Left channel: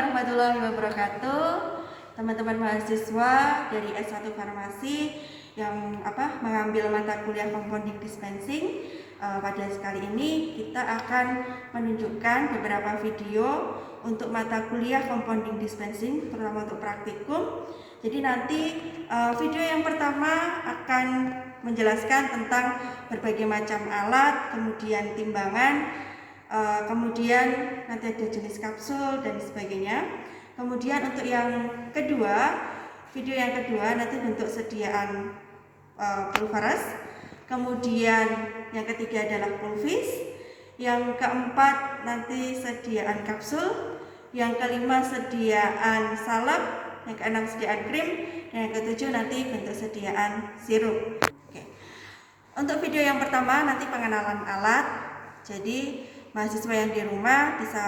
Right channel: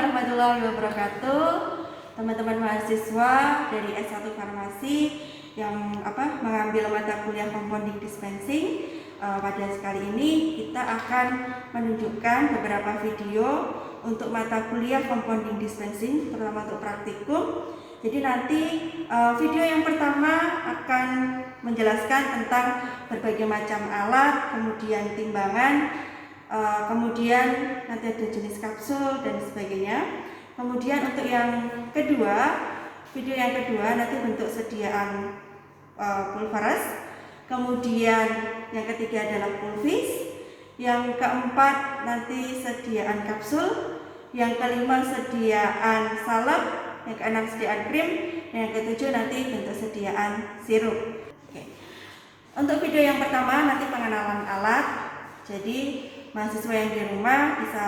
warahmatullahi wabarakatuh. Teman-teman mahasiswa dari S1 Farmasi yang mengambil mata kuliah Compounding Dispensing, pada kali ini kita akan menunjukkan beberapa video untuk mata kuliah Compounding Dispensing, terutama untuk praktikum. Jadi nanti video yang pertama akan menjelaskan tentang berbagai macam alat, kemudian timbangan, kemudian nanti ada jenis kapsul dan sebagainya. Kemudian untuk yang kedua, video yang kedua nanti bentuk sediaan pulveres. Kemudian yang ketiga adalah pulvis. Yang keempat nanti sediaan kapsul. Yang kelima sediaan salep. Yang keenam sediaan krim. Yang ketujuh nanti bentuk sediaan sirup. Oke. Untuk video yang pertama nanti pengenalan alat. Jadi mahasiswa yang di rumah bisa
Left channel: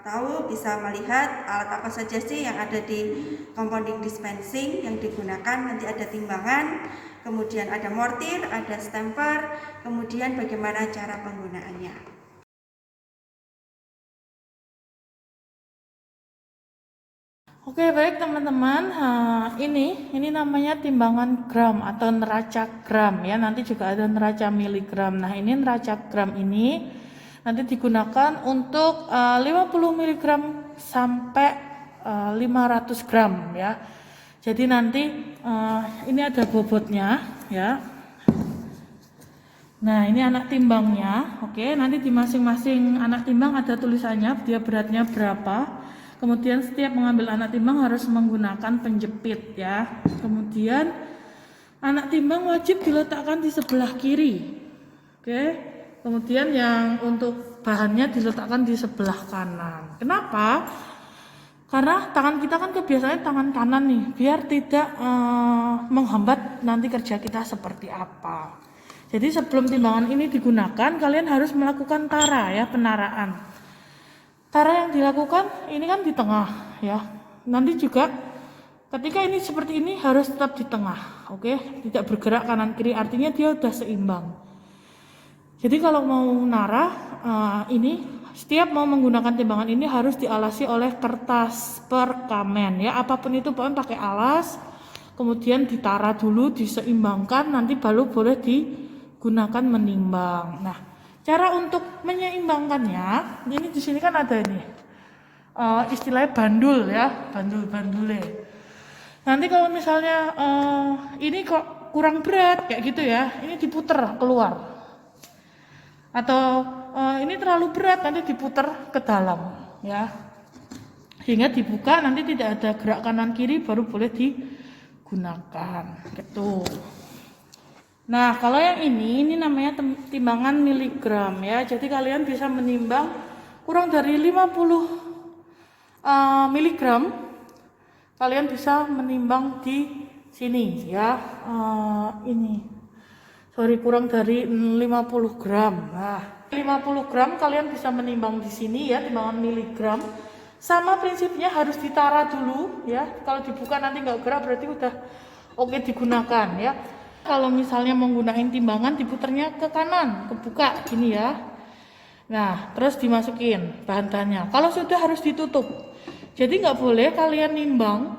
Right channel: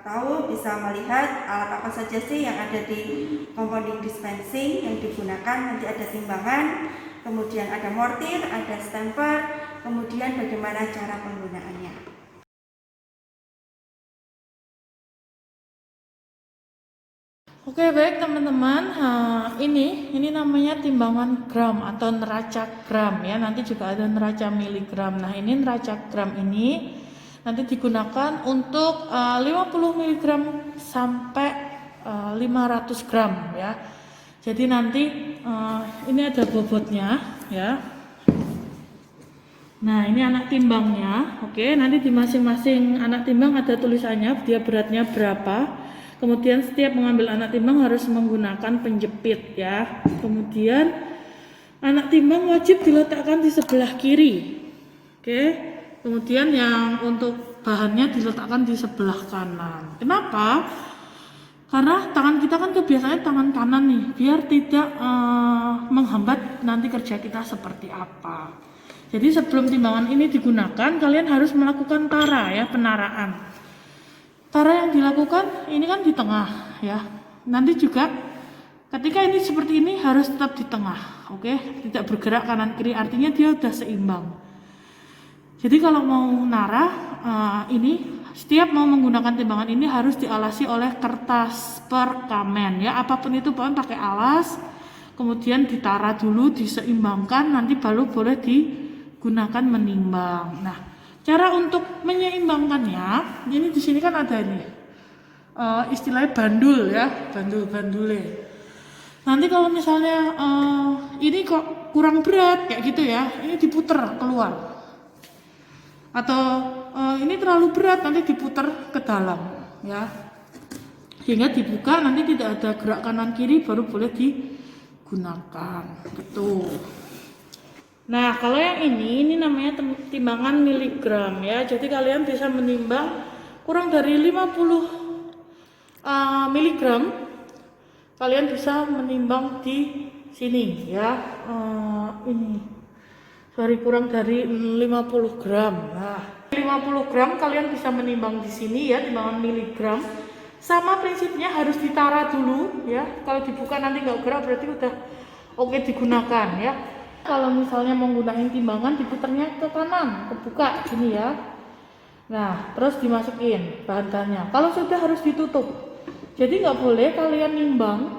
tahu, bisa melihat alat apa saja sih yang ada di compounding dispensing yang digunakan. Nanti ada timbangan, kemudian ada mortir, ada stamper, kemudian bagaimana cara penggunaannya. Oke, baik teman-teman, ini namanya timbangan gram atau neraca gram ya. Nanti juga ada neraca miligram. Nah, ini neraca gram ini nanti digunakan untuk 50 mg sampai 500 gram ya. Jadi nanti ini ada bobotnya ya. Nah, ini anak timbangnya. Oke, nanti di masing-masing anak timbang ada tulisannya dia beratnya berapa. Kemudian setiap mengambil anak timbang harus menggunakan penjepit ya. Kemudian anak timbang wajib diletakkan di sebelah kiri. Oke. Kemudian yang untuk bahannya diletakkan di sebelah kanan. Kenapa? Karena tangan kita kan kebiasaannya tangan kanan nih, biar tidak menghambat nanti kerja kita seperti apa. Jadi sebelum timbangan ini digunakan, kalian harus melakukan tara ya, penaraan. Tara yang dilakukan ini kan di tengah ya. Nanti juga ketika ini seperti ini harus tetap di tengah, oke? Tidak bergerak kanan kiri, artinya dia udah seimbang. Jadi kalau mau narah ini setiap mau menggunakan timbangan ini harus dialasi oleh kertas perkamen ya, apapun itu pokoknya pakai alas, kemudian ditara dulu, diseimbangkan, nanti baru boleh digunakan menimbang. Nah, cara untuk menyeimbangkannya, ini di sini kan ada ini istilahnya bandul ya, bandule. Nanti kalau misalnya ini kok kurang berat kayak gitu ya, ini diputer keluar. Atau ini terlalu berat, nanti diputar ke dalam ya, sehingga dibuka nanti tidak ada gerak kanan kiri, baru boleh digunakan gitu. Nah, kalau yang ini namanya timbangan miligram ya. Jadi kalian bisa menimbang kurang dari 50 miligram, kalian bisa menimbang di sini ya. Kurang dari 50 gram. Nah, 50 gram kalian bisa menimbang di sini ya, timbangan miligram. Sama prinsipnya harus ditara dulu ya. Kalau dibuka nanti nggak gerak berarti udah oke digunakan ya. Kalau misalnya menggunakan timbangan diputarnya ke kanan, kebuka gini ya. Nah, terus dimasukin bahan-bahannya. Kalau sudah harus ditutup. Jadi nggak boleh kalian nimbang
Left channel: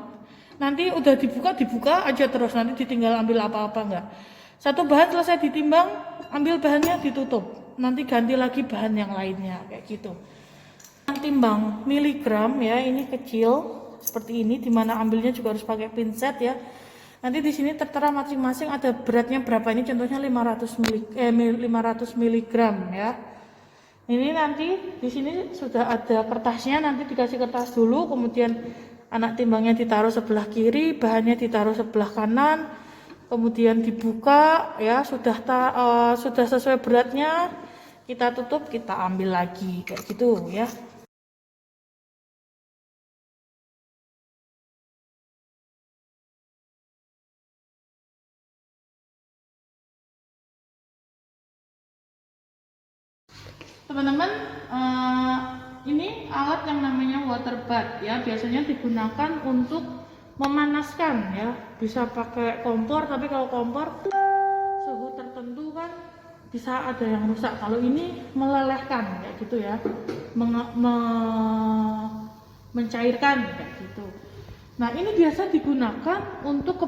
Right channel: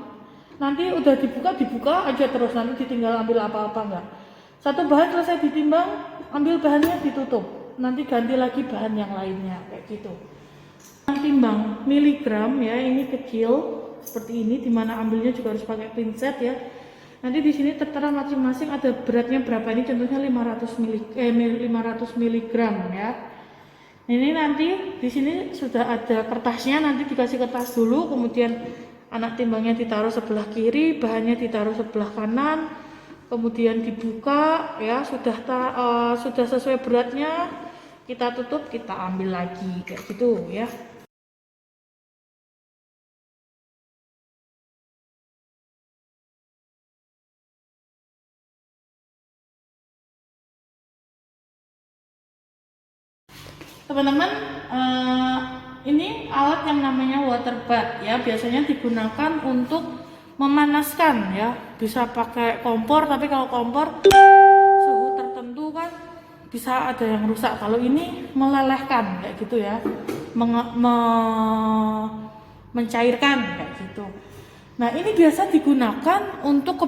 nanti udah dibuka aja terus, nanti ditinggal ambil apa-apa nggak. Satu bahan selesai ditimbang, ambil bahannya ditutup, nanti ganti lagi bahan yang lainnya kayak gitu. Timbang miligram ya, ini kecil seperti ini, dimana ambilnya juga harus pakai pinset ya. Nanti di sini tertera masing-masing ada beratnya berapa, ini contohnya 500 miligram ya. Ini nanti di sini sudah ada kertasnya, nanti dikasih kertas dulu, kemudian anak timbangnya ditaruh sebelah kiri, bahannya ditaruh sebelah kanan. Kemudian dibuka ya, sudah sesuai beratnya, kita tutup, kita ambil lagi kayak gitu ya. Teman-teman, ini alat yang namanya water bath ya, biasanya digunakan untuk memanaskan ya, bisa pakai kompor, tapi kalau kompor suhu tertentu kan bisa ada yang rusak. Kalau ini melelehkan kayak gitu ya, mencairkan kayak gitu. Nah, ini biasa digunakan untuk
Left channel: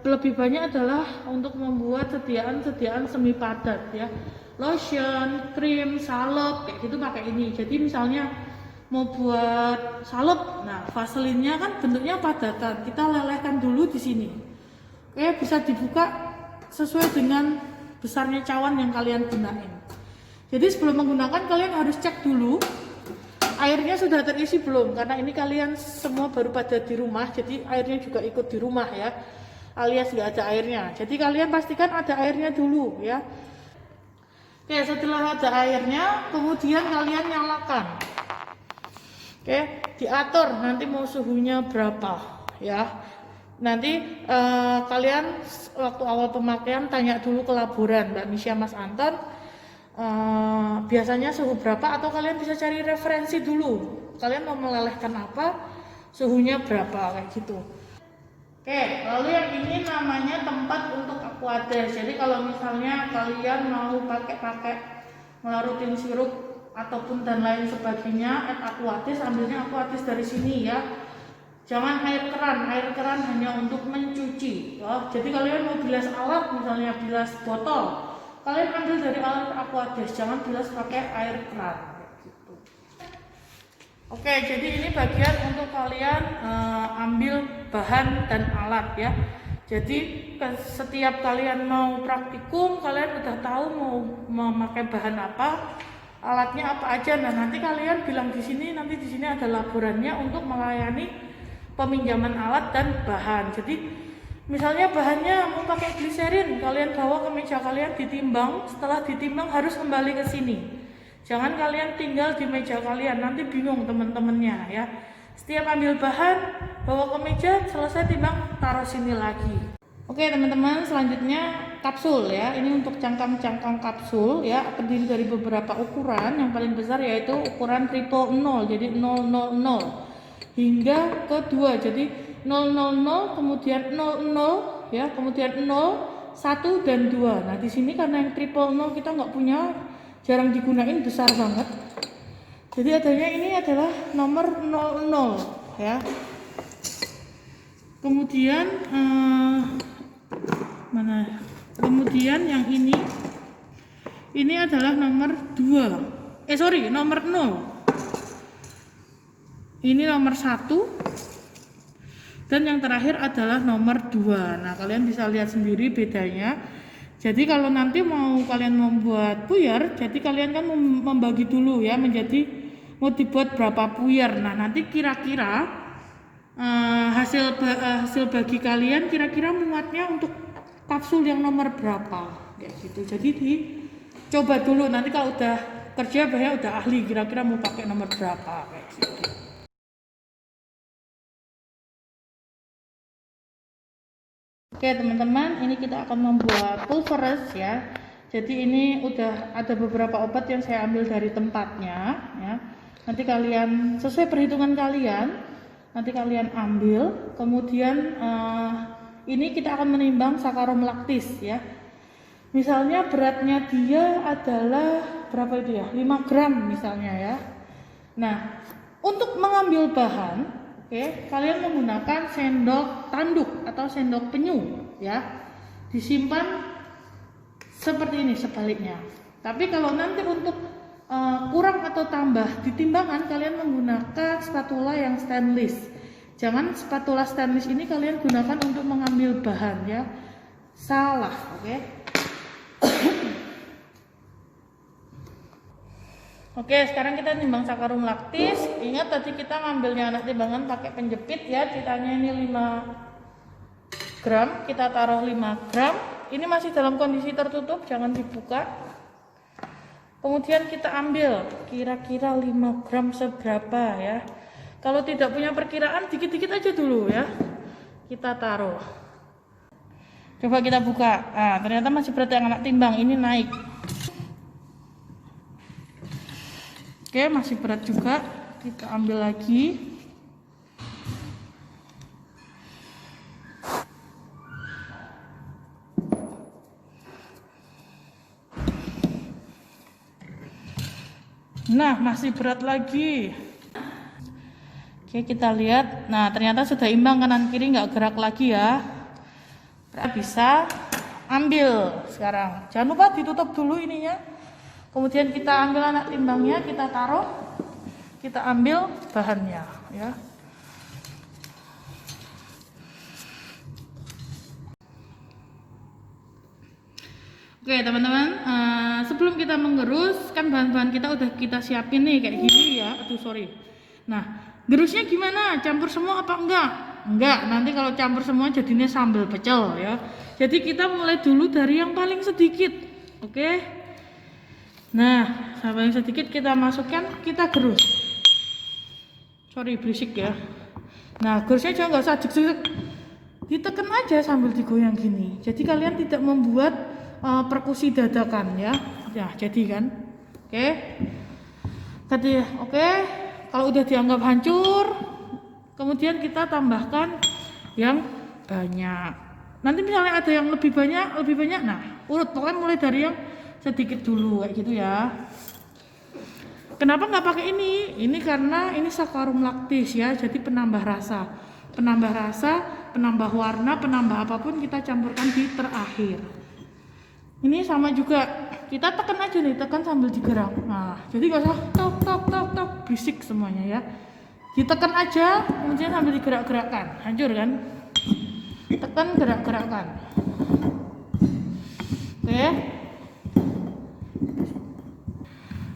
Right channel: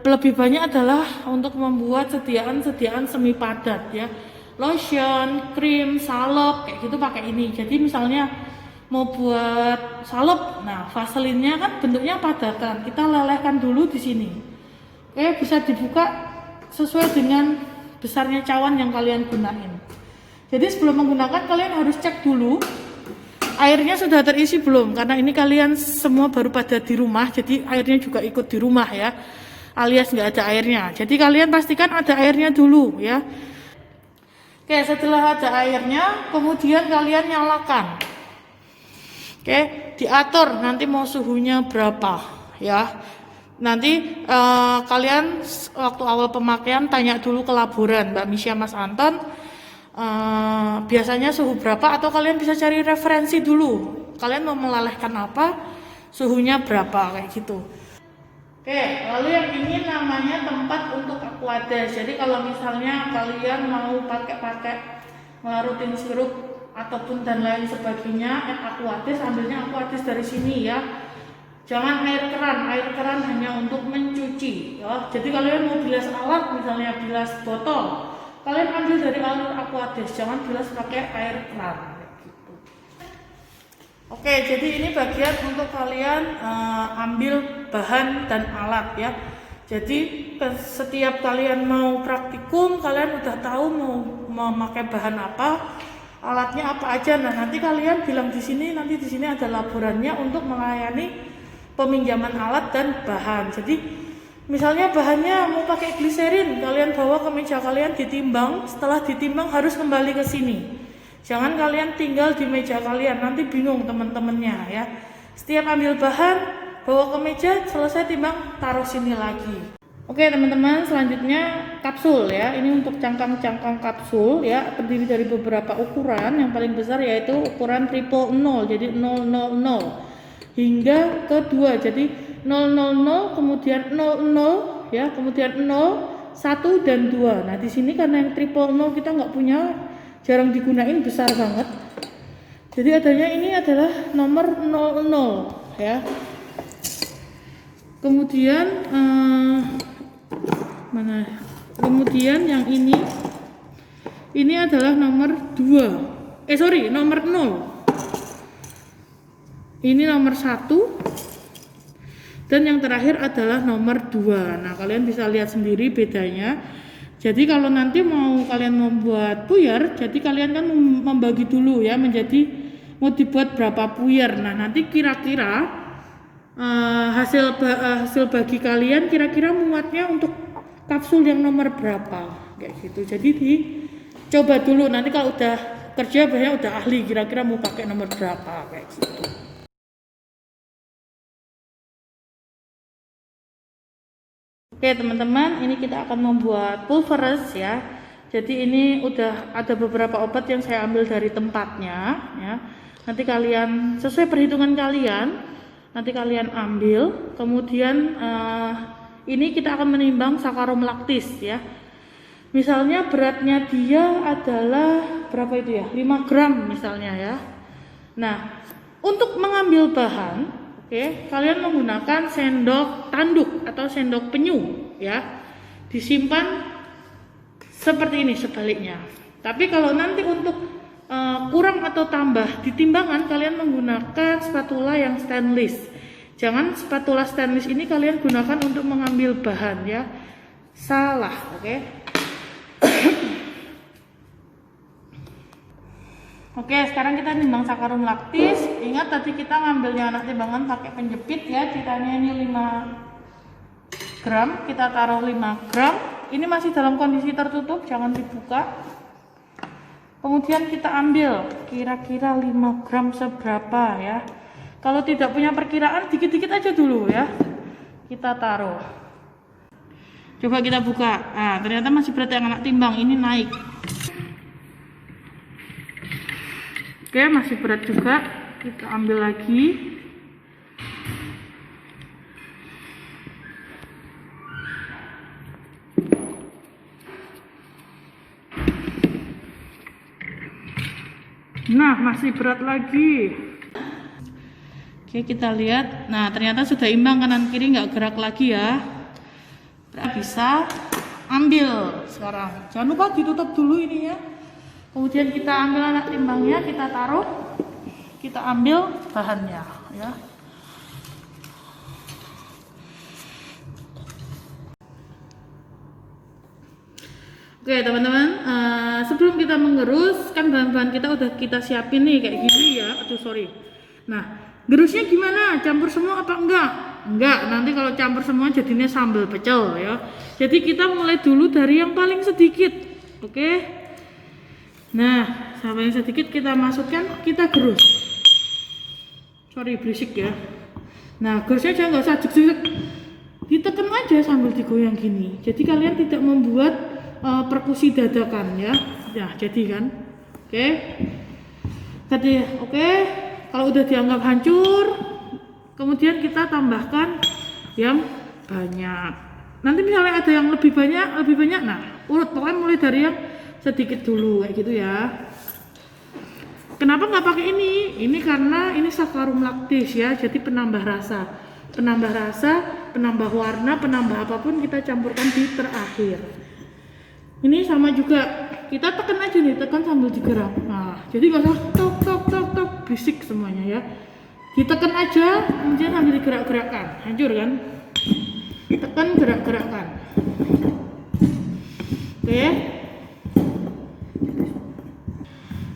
lebih banyak adalah untuk membuat sediaan semi padat ya. Lotion, krim, salep kayak gitu pakai ini. Jadi misalnya mau buat salep, nah vaselinnya kan bentuknya padatan. Kita lelehkan dulu di sini. Oke, bisa dibuka sesuai dengan besarnya cawan yang kalian gunain. Jadi sebelum menggunakan kalian harus cek dulu airnya sudah terisi belum, karena ini kalian semua baru pada di rumah, jadi airnya juga ikut di rumah ya, alias nggak ada airnya. Jadi kalian pastikan ada airnya dulu ya. Oke, setelah ada airnya kemudian kalian nyalakan. Oke, diatur nanti mau suhunya berapa ya. Nanti kalian waktu awal pemakaian tanya dulu ke laboran Mbak Misha, Mas Anton, biasanya suhu berapa, atau kalian bisa cari referensi dulu. Kalian mau melelehkan apa, suhunya berapa kayak gitu. Oke, lalu yang ini namanya tempat untuk aquades. Jadi kalau misalnya kalian mau pakai rutin sirup ataupun dan lain sebagainya, aquades, ambilnya aquades dari sini ya. Jangan air keran hanya untuk mencuci ya. Jadi kalian mau bilas alat, misalnya bilas botol, kalian ambil dari air aquades, jangan bilas pakai air keran gitu. Oke, jadi ini bagian untuk kalian ambil bahan dan alat ya. Jadi setiap kalian mau praktikum, kalian udah tahu mau memakai bahan apa, alatnya apa aja. Nah, nanti kalian bilang di sini, nanti di sini ada laborannya untuk melayani peminjaman alat dan bahan. Jadi misalnya bahannya mau pakai gliserin, kalian bawa ke meja kalian ditimbang, setelah ditimbang harus kembali ke sini. Jangan kalian tinggal di meja kalian, nanti bingung teman-temannya ya. Setiap ambil bahan, bawa ke meja, selesai timbang, taruh sini lagi. Oke teman-teman, selanjutnya kapsul ya. Ini untuk cangkang-cangkang kapsul ya, terdiri dari beberapa ukuran. Yang paling besar yaitu ukuran 000, jadi 000 hingga ke 2, jadi 000 kemudian 00 ya, kemudian 0, 1 dan 2. Nah di sini karena yang 000 kita nggak punya, jarang digunain, besar banget, jadi adanya ini adalah nomor 00 ya. Kemudian kemudian yang ini adalah nomor 2, nomor 0. Ini nomor 1 dan yang terakhir adalah nomor 2. Nah kalian bisa lihat sendiri bedanya. Jadi kalau nanti kalian membuat puyer, jadi kalian kan membagi dulu ya, menjadi mau dibuat berapa puyer. Nah nanti kira-kira hasil bagi kalian kira-kira muatnya untuk kapsul yang nomor berapa kayak gitu. Jadi dicoba dulu, nanti kalau udah kerja biasanya udah ahli, kira-kira mau pakai nomor berapa kayak gitu. Oke teman-teman, ini kita akan membuat pulveres ya. Jadi ini udah ada beberapa obat yang saya ambil dari tempatnya ya. Nanti kalian sesuai perhitungan kalian, nanti kalian ambil. Kemudian ini kita akan menimbang sakarum laktis ya. Misalnya beratnya dia adalah berapa itu ya? 5 gram misalnya ya. Nah, untuk mengambil bahan, kalian menggunakan sendok tanduk atau sendok penyu ya, disimpan seperti ini sebaliknya. Tapi kalau nanti untuk kurang atau tambah di timbangan, kalian menggunakan spatula yang stainless. Jangan spatula stainless ini kalian gunakan untuk mengambil bahan ya, salah. Oke, sekarang kita nimbang sakarum laktis. Ingat tadi kita ngambilnya anak timbangan pakai penjepit ya, ceritanya ini 5 gram, kita taruh 5 gram. Ini masih dalam kondisi tertutup, jangan dibuka. Kemudian kita ambil kira-kira 5 gram seberapa ya. Kalau tidak punya perkiraan, dikit-dikit aja dulu ya. Kita taruh. Coba kita buka. Nah, ternyata masih berat yang anak timbang, ini naik. Oke, masih berat juga. Kita ambil lagi. Nah, masih berat lagi. Oke, kita lihat. Nah, ternyata sudah imbang, kanan kiri nggak gerak lagi ya. Bisa ambil sekarang. Jangan lupa ditutup dulu ininya. Kemudian kita ambil anak timbangnya, kita taruh, kita ambil bahannya ya. Oke teman-teman, sebelum kita mengerus kan bahan-bahan kita udah kita siapin nih kayak gini ya. Aduh sorry. Nah, gerusnya gimana? Campur semua apa enggak? Enggak, nanti kalau campur semua jadinya sambal pecel ya. Jadi kita mulai dulu dari yang paling sedikit. Oke. Nah, sampai yang sedikit kita masukkan, kita gerus. Sorry berisik ya. Nah, gerusnya jangan nggak usah jek-jek. Ditekan aja sambil digoyang gini. Jadi kalian tidak membuat perkusi dadakan ya. Ya, jadi kan. Oke. Tadi oke. Kalau udah dianggap hancur, kemudian kita tambahkan yang banyak. Nanti misalnya ada yang lebih banyak, nah urut pokoknya mulai dari yang sedikit dulu kayak gitu ya. Kenapa nggak pakai ini? Ini karena ini sakarum lactis ya, jadi penambah rasa, penambah warna, penambah apapun kita campurkan di terakhir. Ini sama juga, kita tekan aja nih, tekan sambil digerak. Nah, jadi nggak usah tok bisik semuanya ya. Ditekan aja, kemudian sambil digerak-gerakkan. Hancur kan? Tekan, gerak-gerakkan. Oke.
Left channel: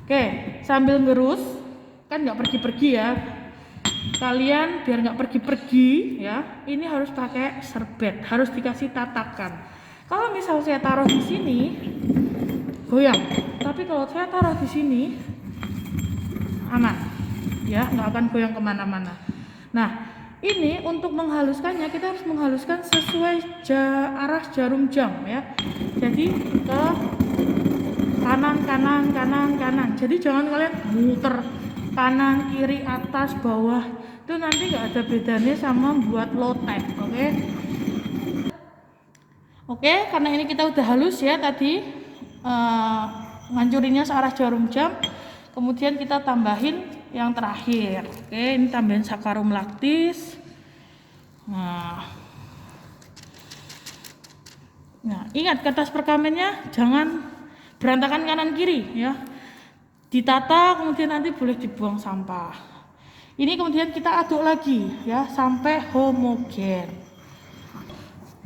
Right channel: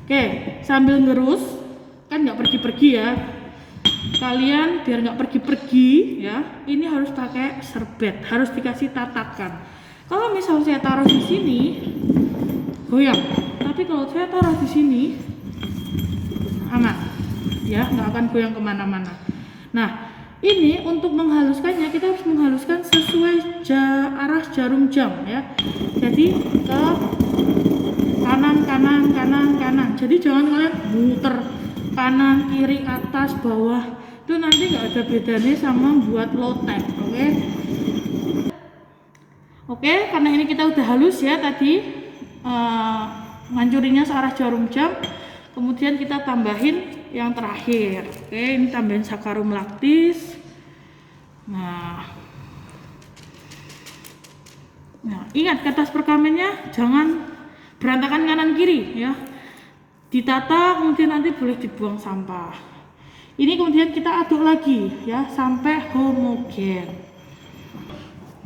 Oke, sambil ngerus, kan nggak pergi-pergi ya. Kalian biar nggak pergi-pergi ya, ini harus pakai serbet, harus dikasih tatakan. Kalau misal saya taruh di sini, goyang. Tapi kalau saya taruh di sini, aman, ya nggak akan goyang kemana-mana. Nah, ini untuk menghaluskannya kita harus menghaluskan sesuai arah jarum jam ya. Jadi ke kanan. Jadi jangan kalian muter kanan, kiri, atas, bawah. Itu nanti nggak ada bedanya sama buat lotek, oke? Oke, karena ini kita udah halus ya tadi ngancurinnya searah jarum jam. Kemudian kita tambahin yang terakhir. Oke, ini tambahin sakarum lactis. Nah, ingat kertas perkamennya jangan berantakan kanan kiri ya. Ditata kemudian nanti boleh dibuang sampah. Ini kemudian kita aduk lagi ya sampai homogen.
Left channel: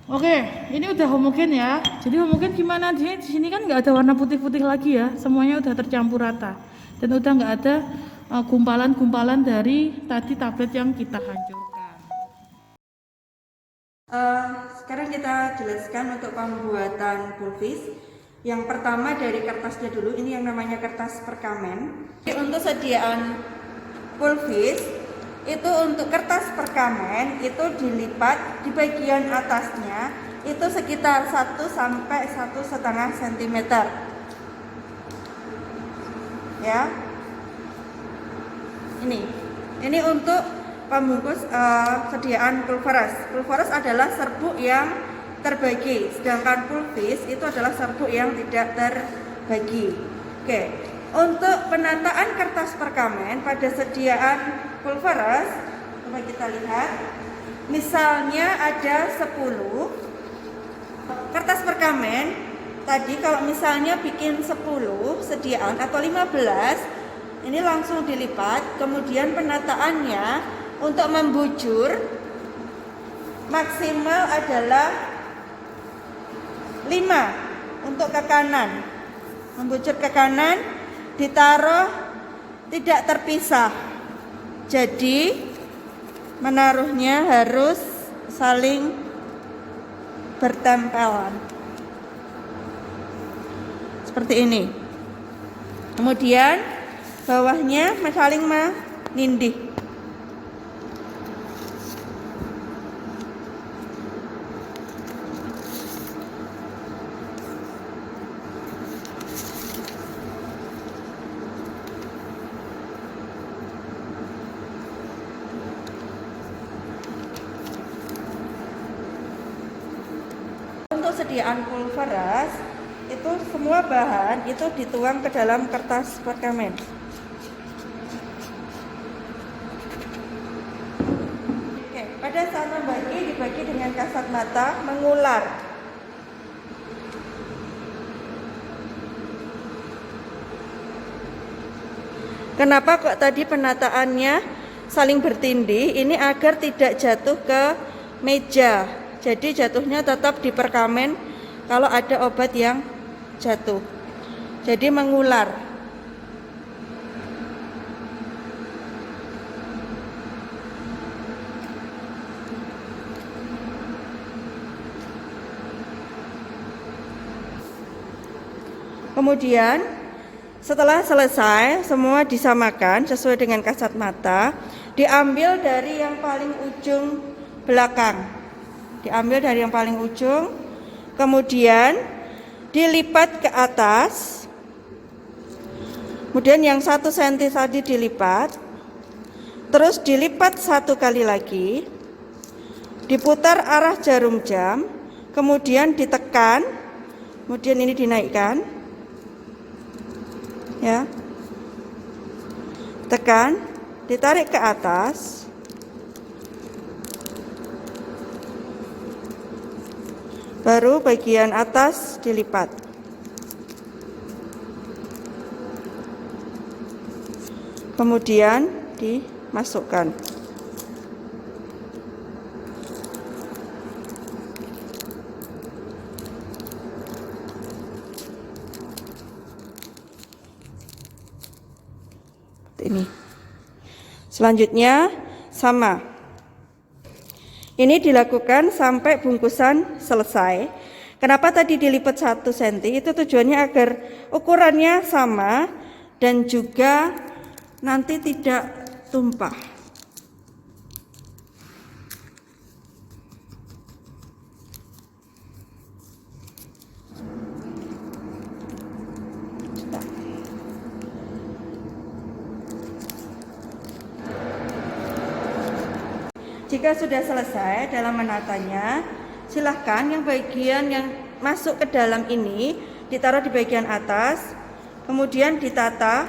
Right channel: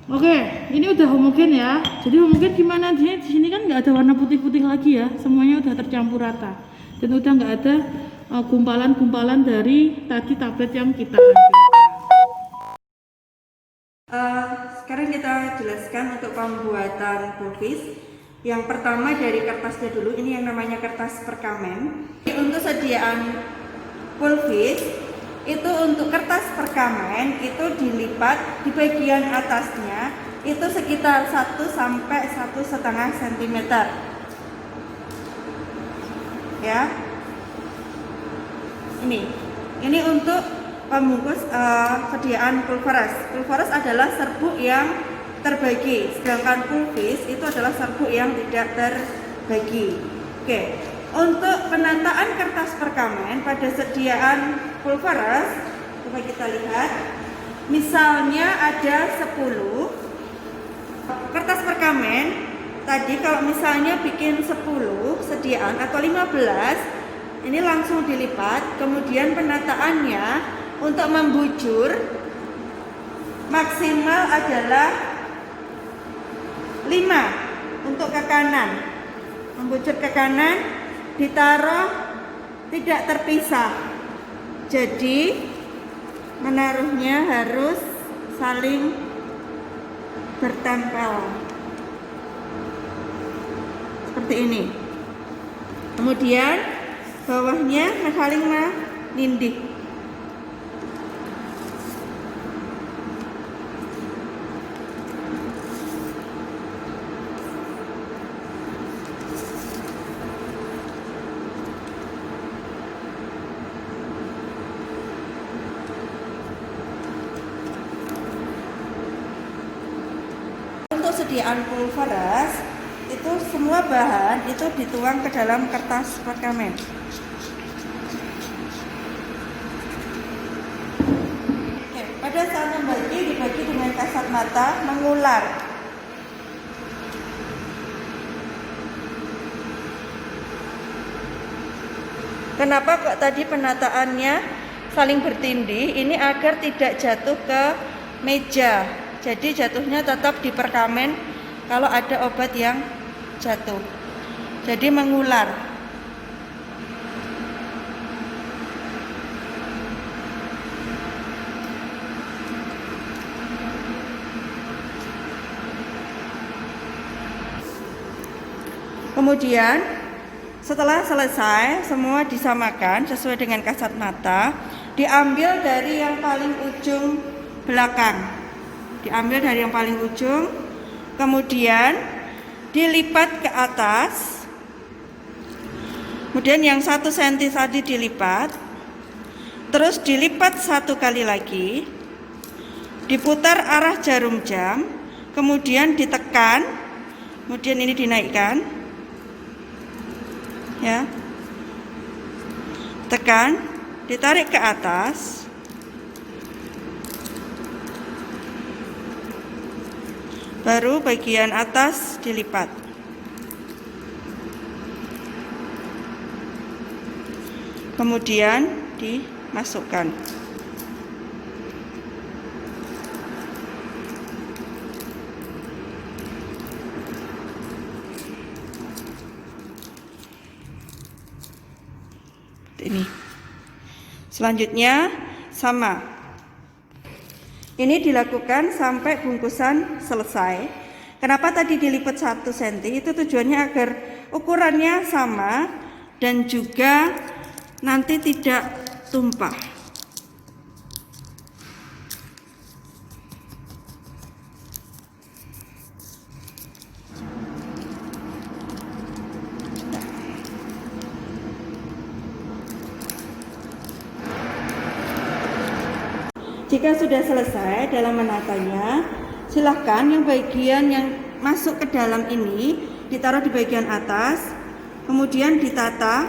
Oke, ini udah homogen ya. Jadi homogen gimana? Di sini kan nggak ada warna putih-putih lagi ya. Semuanya udah tercampur rata. Dan udah nggak ada gumpalan-gumpalan dari tadi tablet yang kita hancurkan. Sekarang kita jelaskan untuk pembuatan pulvis. Yang pertama dari kertasnya dulu. Ini yang namanya kertas perkamen. Untuk sediaan pulvis itu untuk kertas perkamen itu dilipat di bagian atasnya itu sekitar 1 sampai 1,5 cm ya. Ini untuk pembungkus sediaan pulveras adalah serbuk yang terbagi, sedangkan pulvis itu adalah serbuk yang tidak terbagi. Oke. Untuk penataan kertas perkamen pada sediaan pulveras, coba kita lihat. Misalnya ada 10 kertas perkamen. Tadi kalau misalnya bikin 10 sediaan atau 15, ini langsung dilipat. Kemudian penataannya untuk membujur maksimal adalah 5 untuk ke kanan. Membujur ke kanan, ditaruh tidak terpisah, jadi menaruhnya harus saling bertempelan seperti ini. Kemudian bawahnya saling menindih. Sediaan pulveras itu semua bahan itu dituang ke dalam kertas perkamen. pada saat membagi dibagi dengan kasat mata mengular. Kenapa kok tadi penataannya saling bertindih? Ini agar tidak jatuh ke meja. Jadi jatuhnya tetap di perkamen kalau ada obat yang jatuh. Jadi mengular. Kemudian setelah selesai semua disamakan sesuai dengan kasat mata, diambil dari yang paling ujung belakang. Diambil dari yang paling ujung, kemudian dilipat ke atas. Kemudian yang 1 cm tadi dilipat, terus dilipat 1 kali lagi, diputar arah jarum jam, kemudian ditekan, kemudian ini dinaikkan, ya, tekan, ditarik ke atas, baru bagian atas dilipat. Kemudian dimasukkan. Ini. Selanjutnya sama. Ini dilakukan sampai bungkusan selesai. Kenapa tadi dilipat 1 cm? Itu tujuannya agar ukurannya sama dan juga nanti tidak tumpah. Jika sudah selesai dalam menatanya, silahkan yang bagian yang masuk ke dalam ini ditaruh di bagian atas, kemudian ditata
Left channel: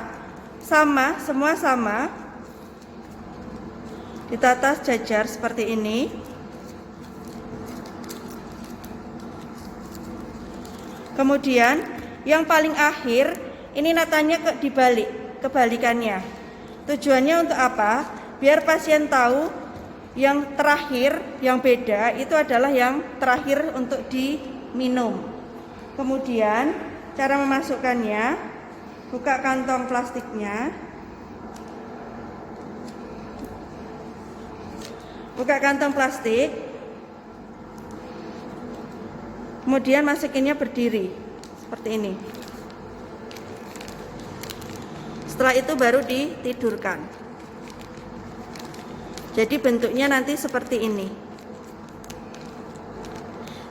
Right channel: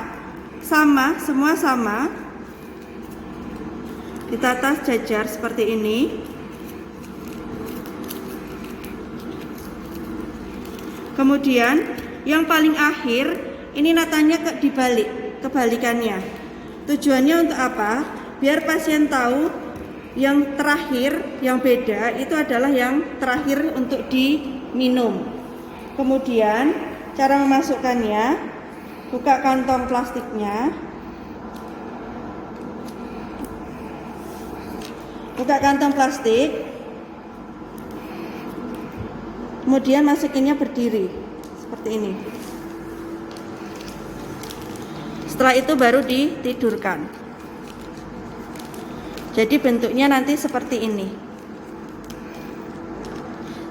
sama, semua sama, ditata sejajar seperti ini. Kemudian yang paling akhir ini natanya dibalik, kebalikannya. Tujuannya untuk apa? Biar pasien tahu yang terakhir, yang beda itu adalah yang terakhir untuk diminum. Kemudian cara memasukkannya, buka kantong plastiknya, buka kantong plastik, kemudian masukinnya berdiri seperti ini. Setelah itu baru ditidurkan. Jadi bentuknya nanti seperti ini.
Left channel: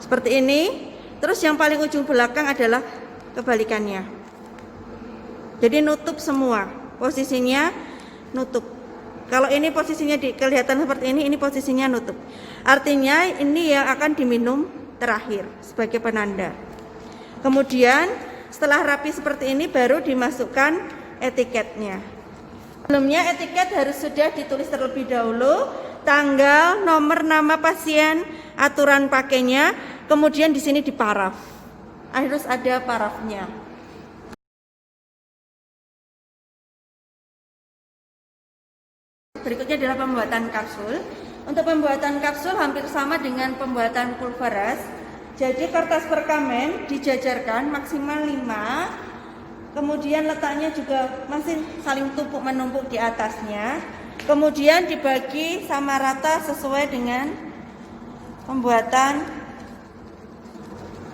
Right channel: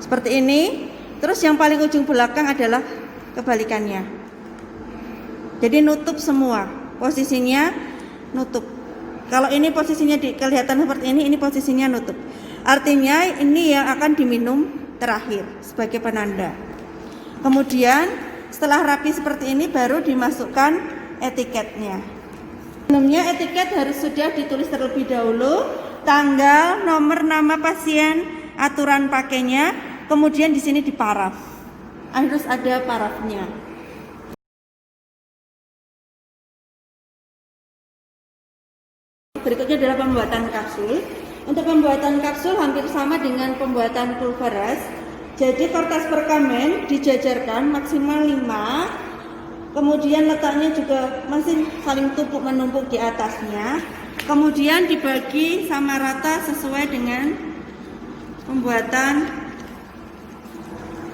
Seperti ini. Terus yang paling ujung belakang adalah kebalikannya. Jadi nutup semua. Posisinya nutup. Kalau ini posisinya kelihatan seperti ini posisinya nutup. Artinya ini yang akan diminum terakhir sebagai penanda. Kemudian setelah rapi seperti ini baru dimasukkan etiketnya. Sebelumnya etiket harus sudah ditulis terlebih dahulu, tanggal, nomor nama pasien, aturan pakainya, kemudian di sini diparaf. Harus ada parafnya. Berikutnya adalah pembuatan kapsul. Untuk pembuatan kapsul hampir sama dengan pembuatan pulveras. Jadi kertas perkamen dijajarkan maksimal 5. Kemudian letaknya juga masih saling tumpuk menumpuk di atasnya. Kemudian dibagi sama rata sesuai dengan pembuatan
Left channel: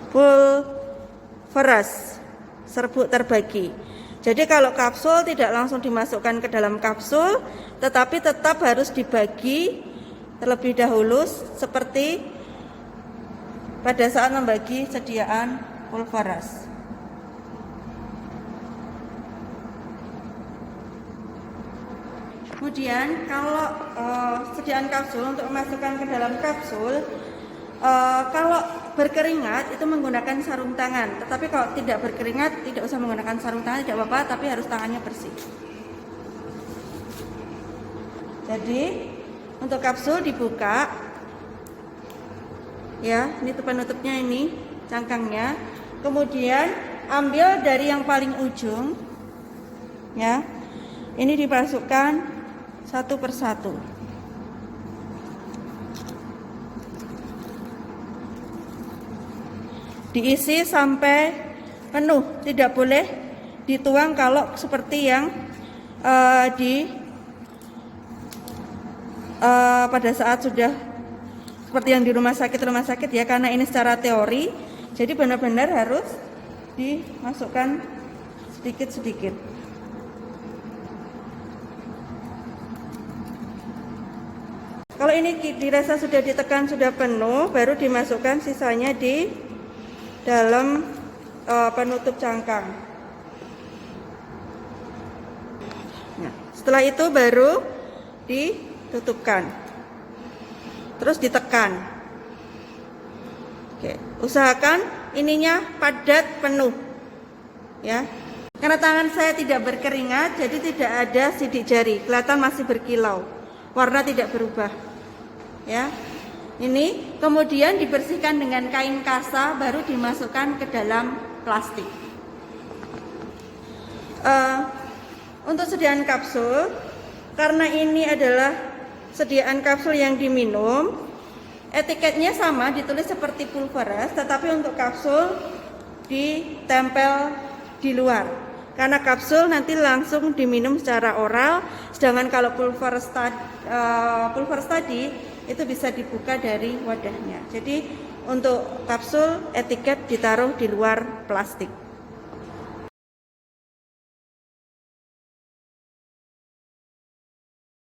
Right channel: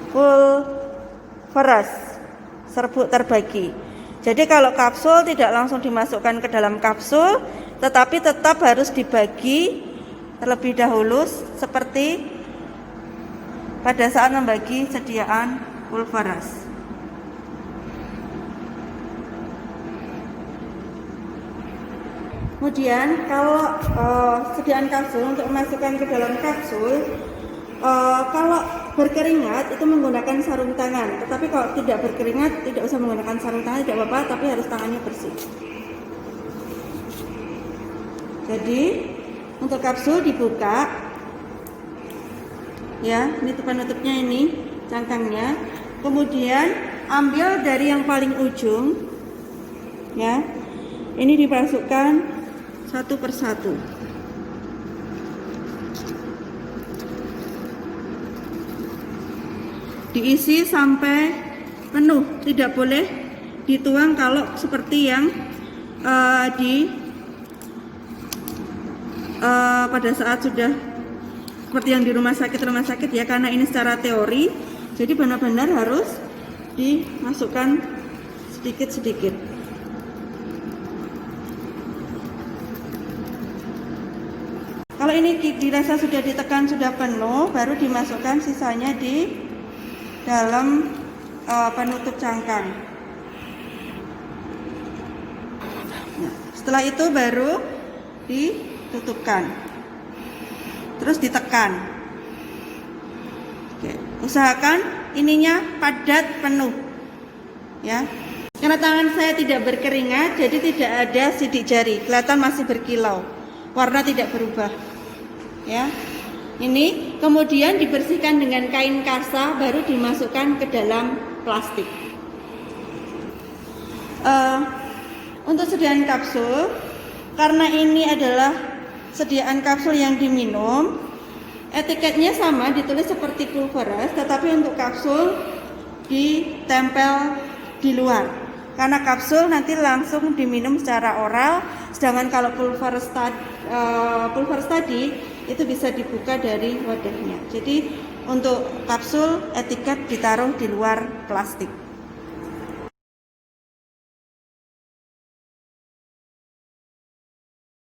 pulveras, serbuk terbagi. Jadi kalau kapsul tidak langsung dimasukkan ke dalam kapsul, tetapi tetap harus dibagi terlebih dahulu seperti pada saat membagi sediaan pulveras. Kemudian kalau sediaan kapsul untuk memasukkan ke dalam kapsul, kalau berkeringat itu menggunakan sarung tangan. Tetapi kalau tidak berkeringat tidak usah menggunakan sarung tangan, tidak apa-apa, tapi harus tangannya bersih. Jadi untuk kapsul dibuka, Ya, ini penutupnya, ini cangkangnya. Kemudian ambil dari yang paling ujung, ya. Ini dimasukkan satu persatu. Diisi sampai penuh, tidak boleh dituang kalau seperti yang pada saat sudah seperti yang di rumah sakit ya, karena ini secara teori, jadi benar-benar harus dimasukkan sedikit-sedikit. Kalau ini dirasa sudah ditekan, sudah penuh, baru dimasukkan sisanya di dalam penutup cangkang. Nah, setelah itu baru ditutupkan, terus ditekan. Oke, usahakan ininya padat penuh, ya. Karena tangan saya tidak berkeringat, jadi tidak ada sidik jari, kelihatan masih berkilau, warna tidak berubah, ya. Ini kemudian dibersihkan dengan kain kasa, baru dimasukkan ke dalam plastik. Untuk sediaan kapsul, karena ini adalah sediaan kapsul yang diminum, etiketnya sama, ditulis seperti pulveres, tetapi untuk kapsul ditempel di luar. Karena kapsul nanti langsung diminum secara oral, sedangkan kalau pulveres tadi itu bisa dibuka dari wadahnya. Jadi untuk kapsul etiket ditaruh di luar plastik.